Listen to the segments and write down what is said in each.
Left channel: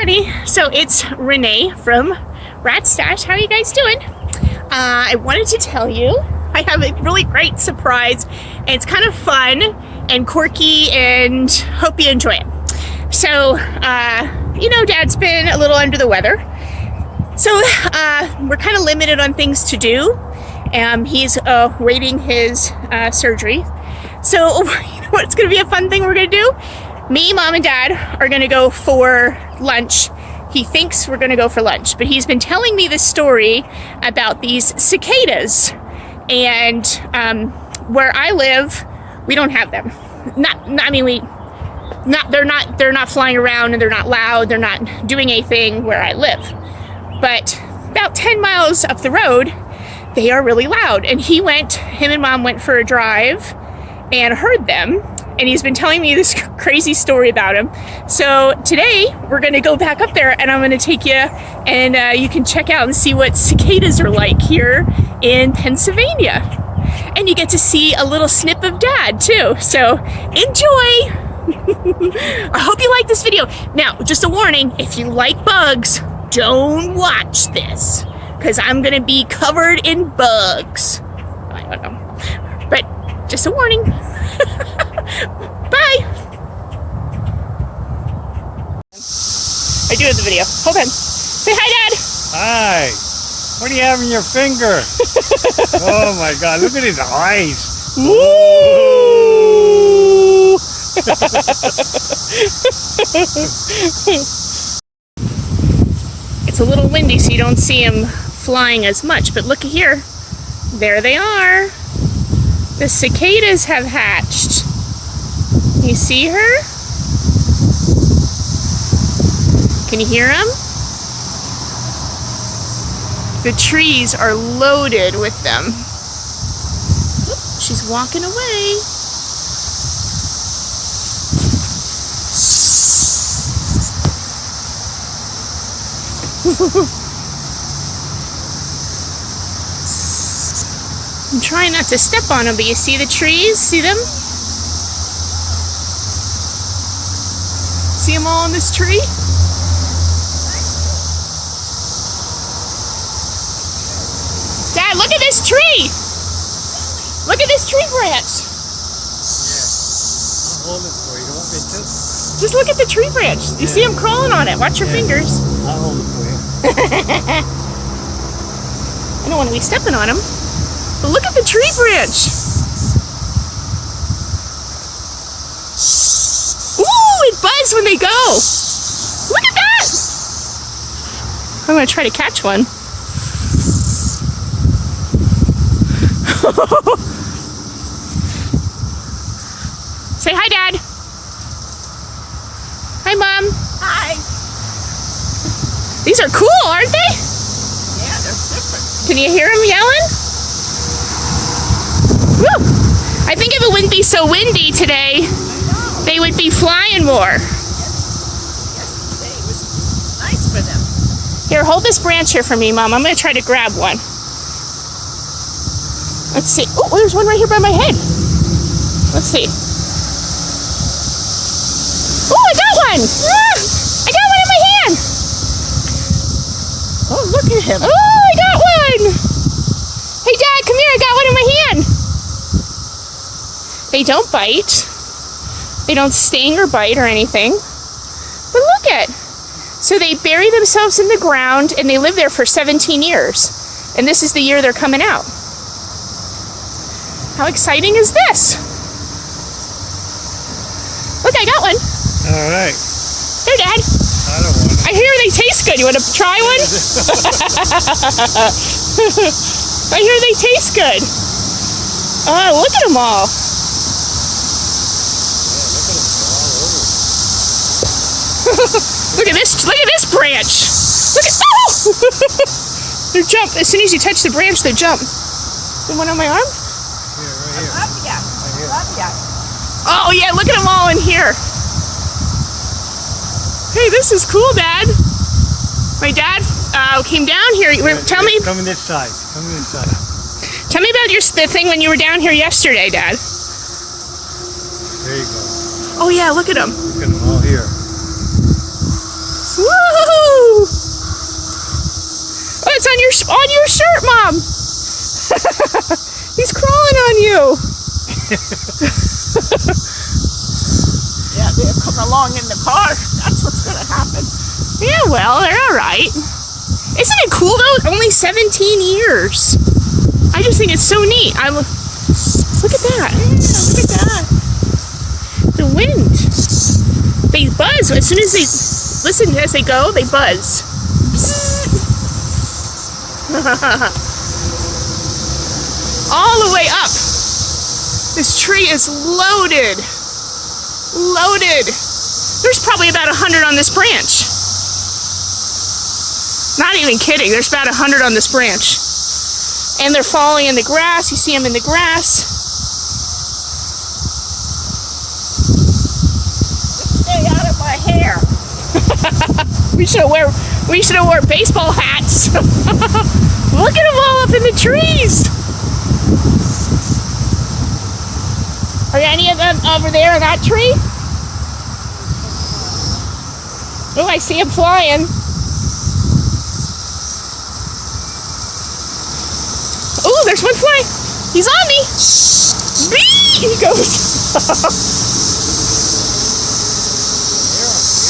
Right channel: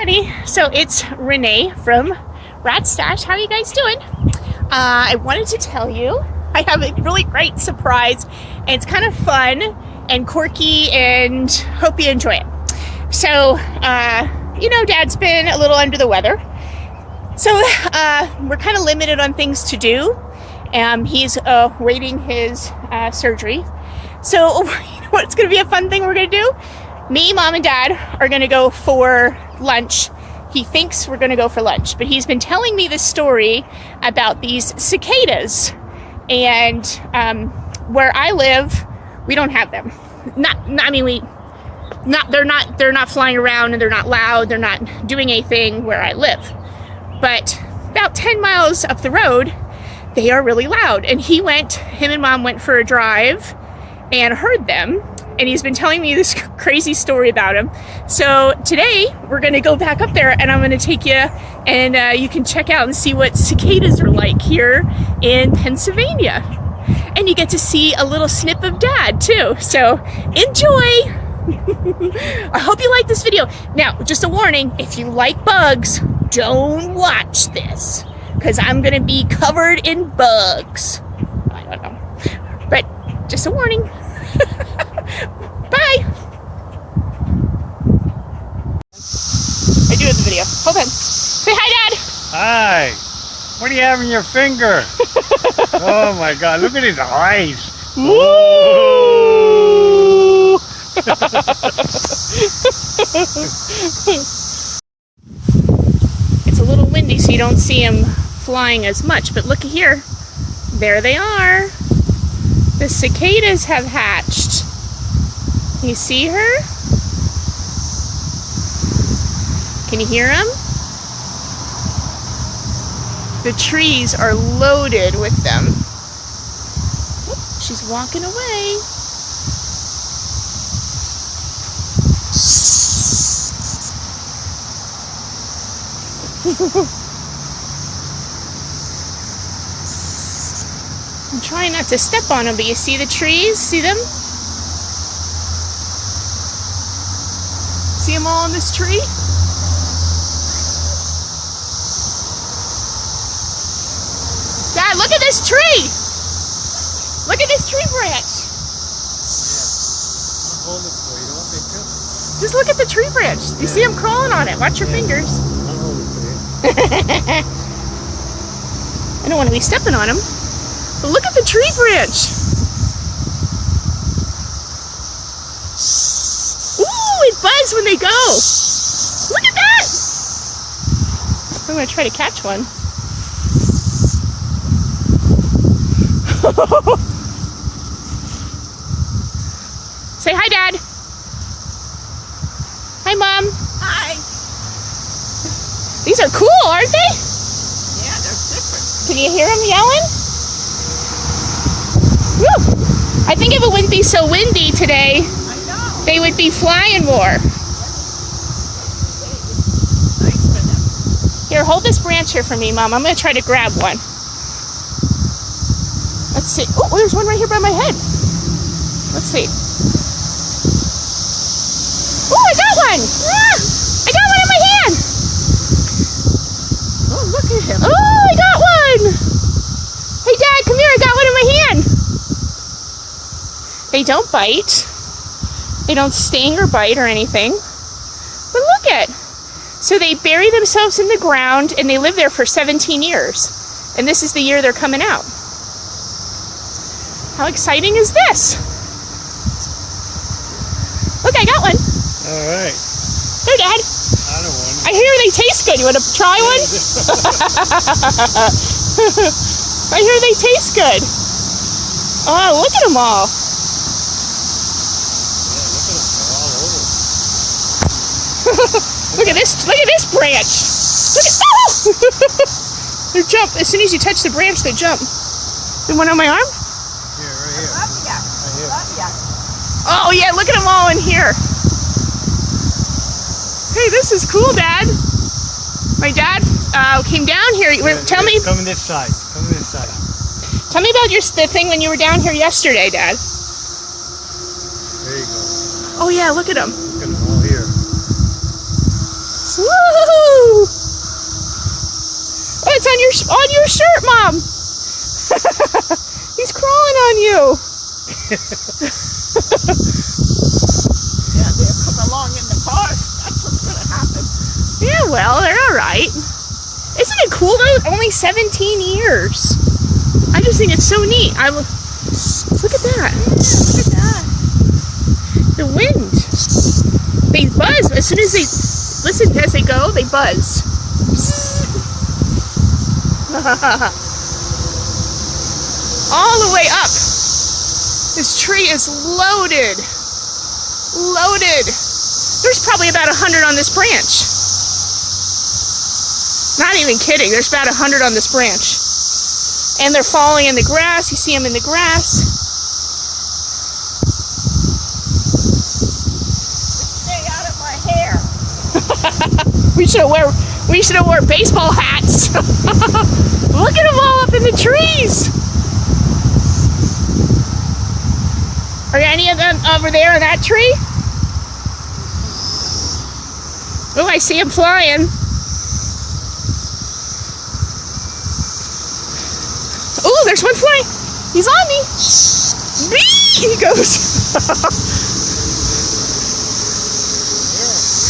everybody. So it's Renee from Rat Stash. How are you guys doing? I wanted to tell you I have a really great surprise, and it's kind of fun and quirky, and hope you enjoy it. So, Dad's been a little under the weather, so we're kind of limited on things to do. He's waiting his surgery. So, you know what? It's going to be a fun thing we're going to do. Me, Mom, and Dad are going to go for lunch. He thinks we're going to go for lunch, but he's been telling me this story about these cicadas. And where I live, we don't have them. They're not flying around, and they're not loud. They're not doing anything where I live. But about 10 miles up the road, they are really loud. And him and Mom went for a drive and heard them. And he's been telling me this crazy story about him. So today we're going to go back up there, and I'm going to take you, and you can check out and see what cicadas are like here in Pennsylvania. And you get to see a little snip of Dad too. So enjoy. I hope you like this video. Now, just a warning, if you like bugs, don't watch this, because I'm going to be covered in bugs. I don't know. But just a warning. Bye. I do have the video. Hold on. Say hi, Dad. Hi. What do you have in your finger? Oh my God! Look at his eyes. Woo! It's a little windy, so you don't see him flying as much. But look here. There they are. The cicadas have hatched. You see her? Can you hear them? The trees are loaded with them. Oop, she's walking away. I'm trying not to step on them, but you see the trees? See them? See them all on this tree? Dad, look at this tree! Look at this tree branch! Yeah. I'll hold it for you. You want me to? Just look at the tree branch. You see them crawling on it. Watch your fingers. I'll hold it for you. I don't want to be stepping on them. But look at the tree branch. Ooh, it buzzed when they go. Look at that. I'm going to try to catch one. Say hi, Dad. Hi, Mom. Hi. These are cool, aren't they? Yeah, they're different. Can you hear them yelling? Woo! I think if it wouldn't be so windy today, I know. they would be flying more. Yesterday it was nice for them. Here, hold this branch here for me, Mom. I'm going to try to grab one. Let's see. Oh, there's one right here by my head. Let's see. Oh, I got one! I got one in my hand! Oh, look at him. Oh, I got one! Hey, Dad, come here. I got one in my hand. They don't bite. They don't sting or bite or anything. But look at. So they bury themselves in the ground, and they live there for 17 years. And this is the year they're coming out. How exciting is this? Look, I got one. All right. Here, Dad. I don't want it. I hear they taste good. You want to try one? I hear they taste good. Oh, look at them all. Look at this branch. Look at, oh! They jump. As soon as you touch the branch, they jump. The one on my arm? Here, right here. Love ya. Oh, yeah, look at them all in here. Hey, this is cool, Dad. My dad came down here. Tell me Come on this side. Come on this side. Tell me about the thing when you were down here yesterday, Dad. There you go. Oh, yeah, look at them. Look at them all here. Woo! it's on your shirt, Mom. He's crawling on you. Yeah, they're coming along in the car. That's what's gonna happen. Yeah, well, they're all right. Isn't it cool though? Only 17 years. I just think it's so neat. Look at that. Look at that. The wind. They buzz as soon as they listen. As they go, they buzz. All the way up. This tree is loaded. Loaded. There's probably about 100 on this branch. Not even kidding. There's about 100 on this branch. And they're falling in the grass. You see them in the grass. Stay out of my hair. We should have wore baseball hats. Look at them all up in the trees. Are there any of them over there in that tree? Oh, I see him flying. Oh, there's one flying. He's on me. Bee! He goes.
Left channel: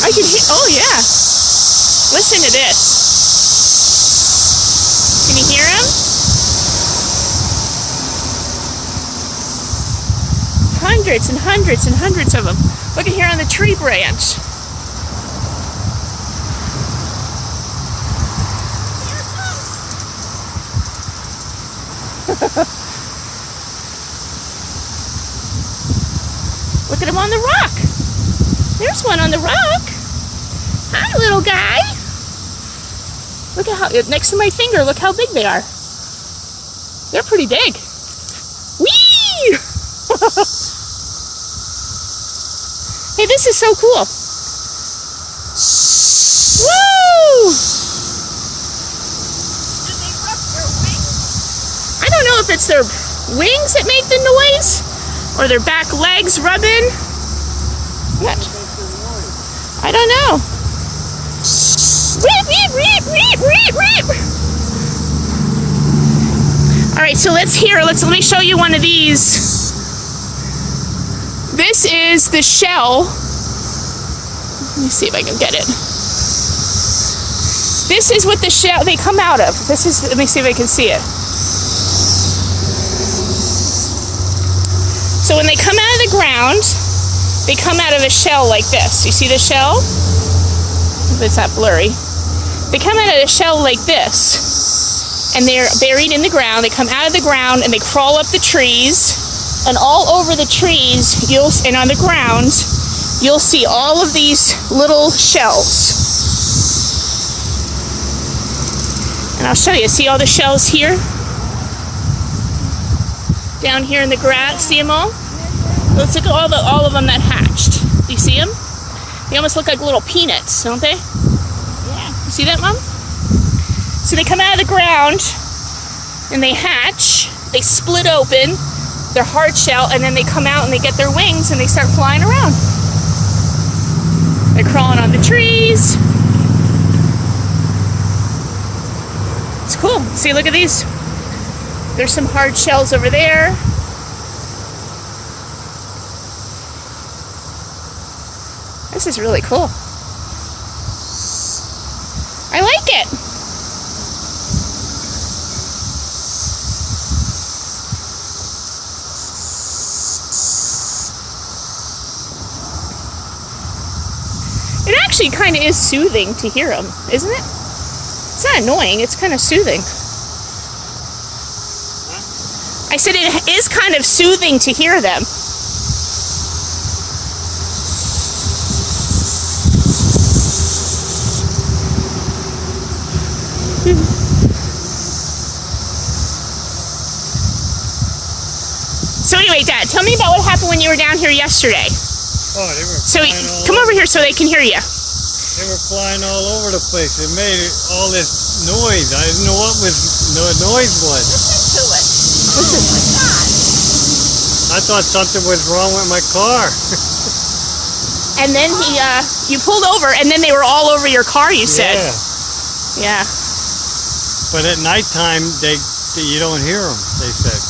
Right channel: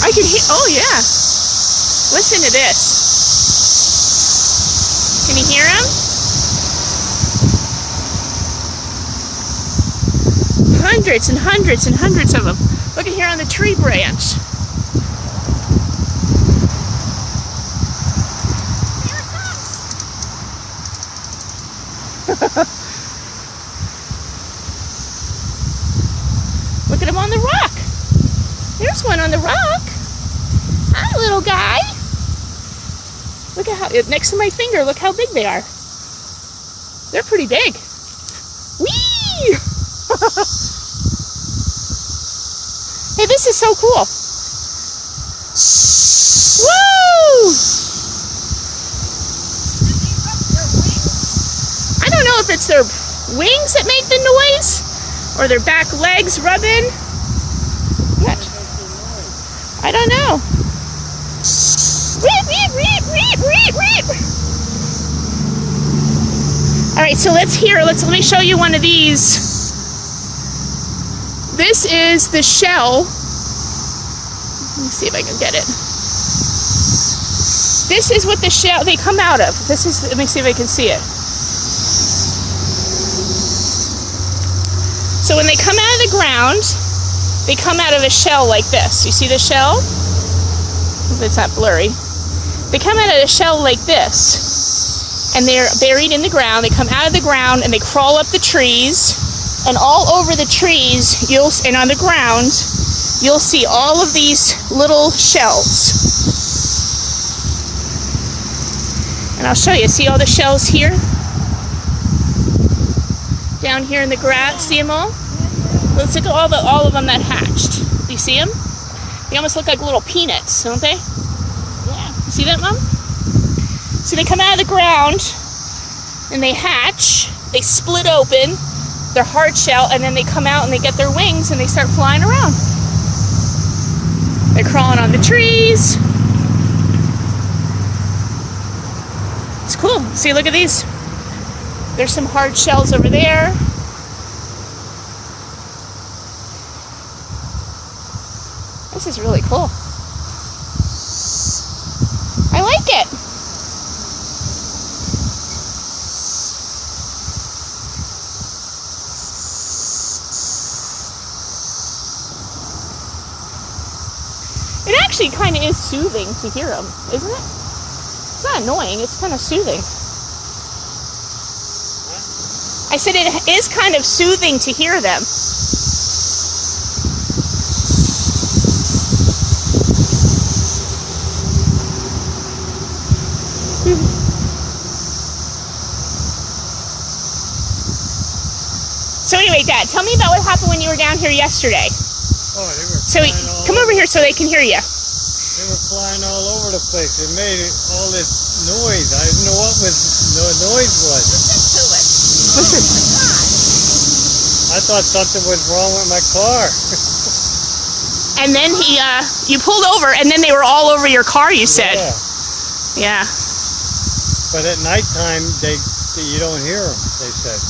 I can hear. Oh, yeah. Listen to this. Can you hear him? Hundreds and hundreds and hundreds of them. Look at here on the tree branch. Look at him on the rock. There's one on the rock. Hi, little guy. Look at how, next to my finger, look how big they are. They're pretty big. Whee! Hey, this is so cool. Woo! Do they rub their wings? I don't know if it's their wings that make the noise or their back legs rubbing. What? I don't know. Weep, weep, weep, weep, weep, weep. All right, so let me show you one of these. This is the shell. Let me see if I can get it. This is what the shell, they come out of. Let me see if I can see it. So when they come out of the ground, they come out of a shell like this. You see the shell? If it's not blurry. They come out of a shell like this, and they're buried in the ground. They come out of the ground and they crawl up the trees, and all over the trees, and on the ground, you'll see all of these little shells. And I'll show you. See all the shells here? Down here in the grass. See them all? Let's look at all of them that hatched. Do you see them? They almost look like little peanuts, don't they? Yeah. You see that, Mom? So they come out of the ground and they hatch. They split open their hard shell, and then they come out and they get their wings and they start flying around. They're crawling on the trees. It's cool. See, look at these. There's some hard shells over there. This is really cool. I like it. It actually kind of is soothing to hear them, isn't it? It's not annoying, it's kind of soothing. I said it is kind of soothing to hear them. So anyway, Dad, tell me about what happened when you were down here yesterday. Oh, they were So flying all come over here so they can hear you. They were flying all over the place. It made all this noise. I didn't know what the noise was. Listen to it. Oh my God. I thought something was wrong with my car. And then you pulled over, and then they were all over your car, you said. Yeah. Yeah. But at nighttime, you don't hear them, they said.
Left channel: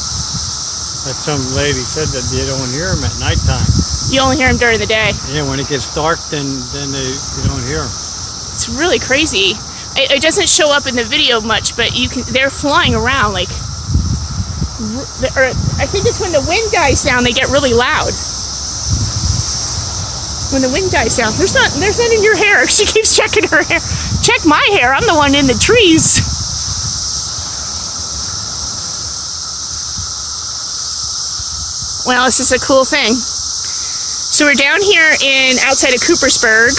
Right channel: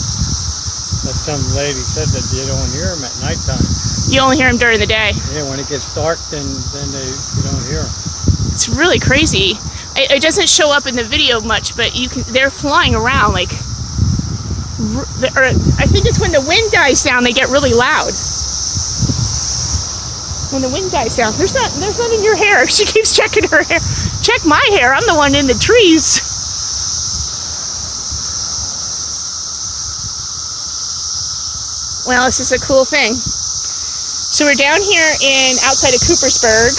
That some lady said that you don't hear them at nighttime. You only hear them during the day. Yeah, when it gets dark, then you don't hear them. It's really crazy. It doesn't show up in the video much, but they're flying around like. I think it's when the wind dies down, they get really loud. When the wind dies down, there's not in your hair. She keeps checking her hair. Check my hair. I'm the one in the trees. Well, this is a cool thing. So we're down here outside of Coopersburg.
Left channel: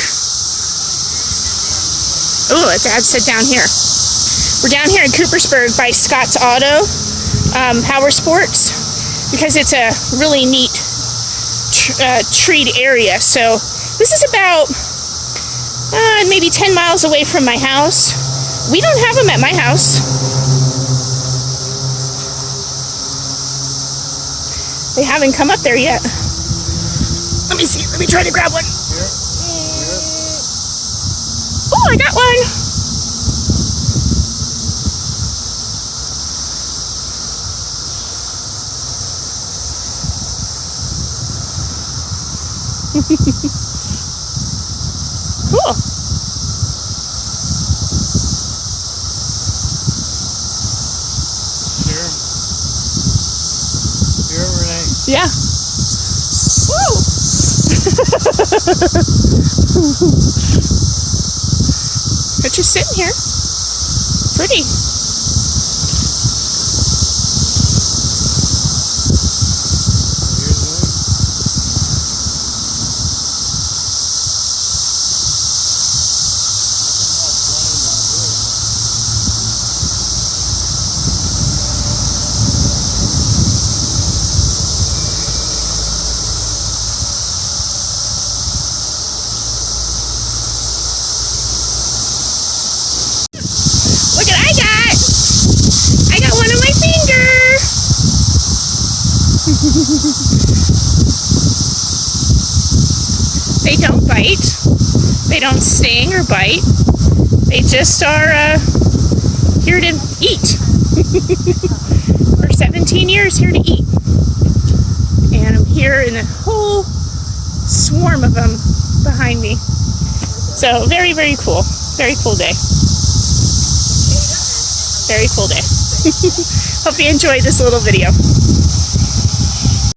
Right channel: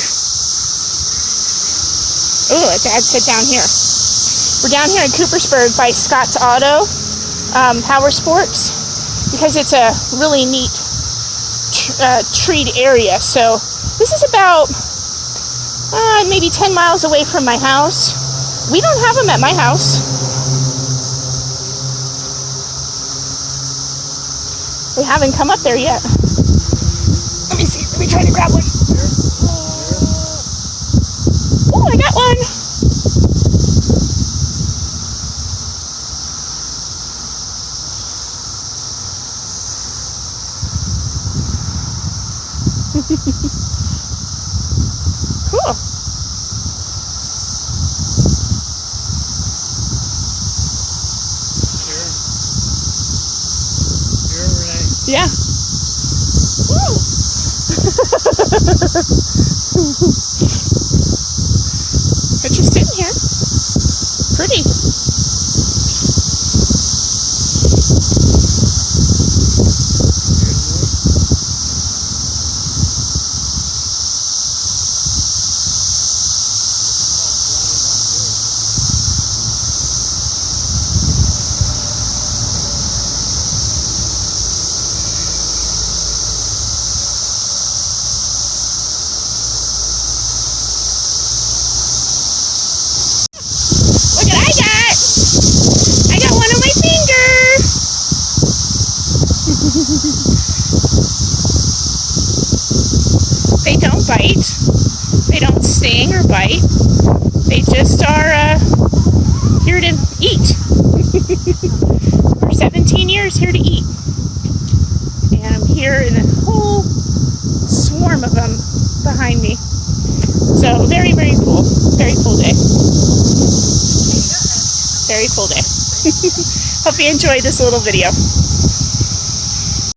Oh, it said down here. We're down here in Coopersburg by Scott's Auto Power Sports, because it's a really neat treed area. So this is about maybe 10 miles away from my house. We don't have them at my house. They haven't come up there yet. Let me see. Let me try to grab one. Oh, I got one. Cool. Here, Renee. Yeah. Woo. But you're sitting here. Pretty. Look what I got! I got one on my finger! They don't bite. They don't sting or bite. They just are here to eat. For 17 years, here to eat. And I'm here in a whole swarm of them behind me. So very, very cool. Very cool day. Very cool day. Hope you enjoyed this little video.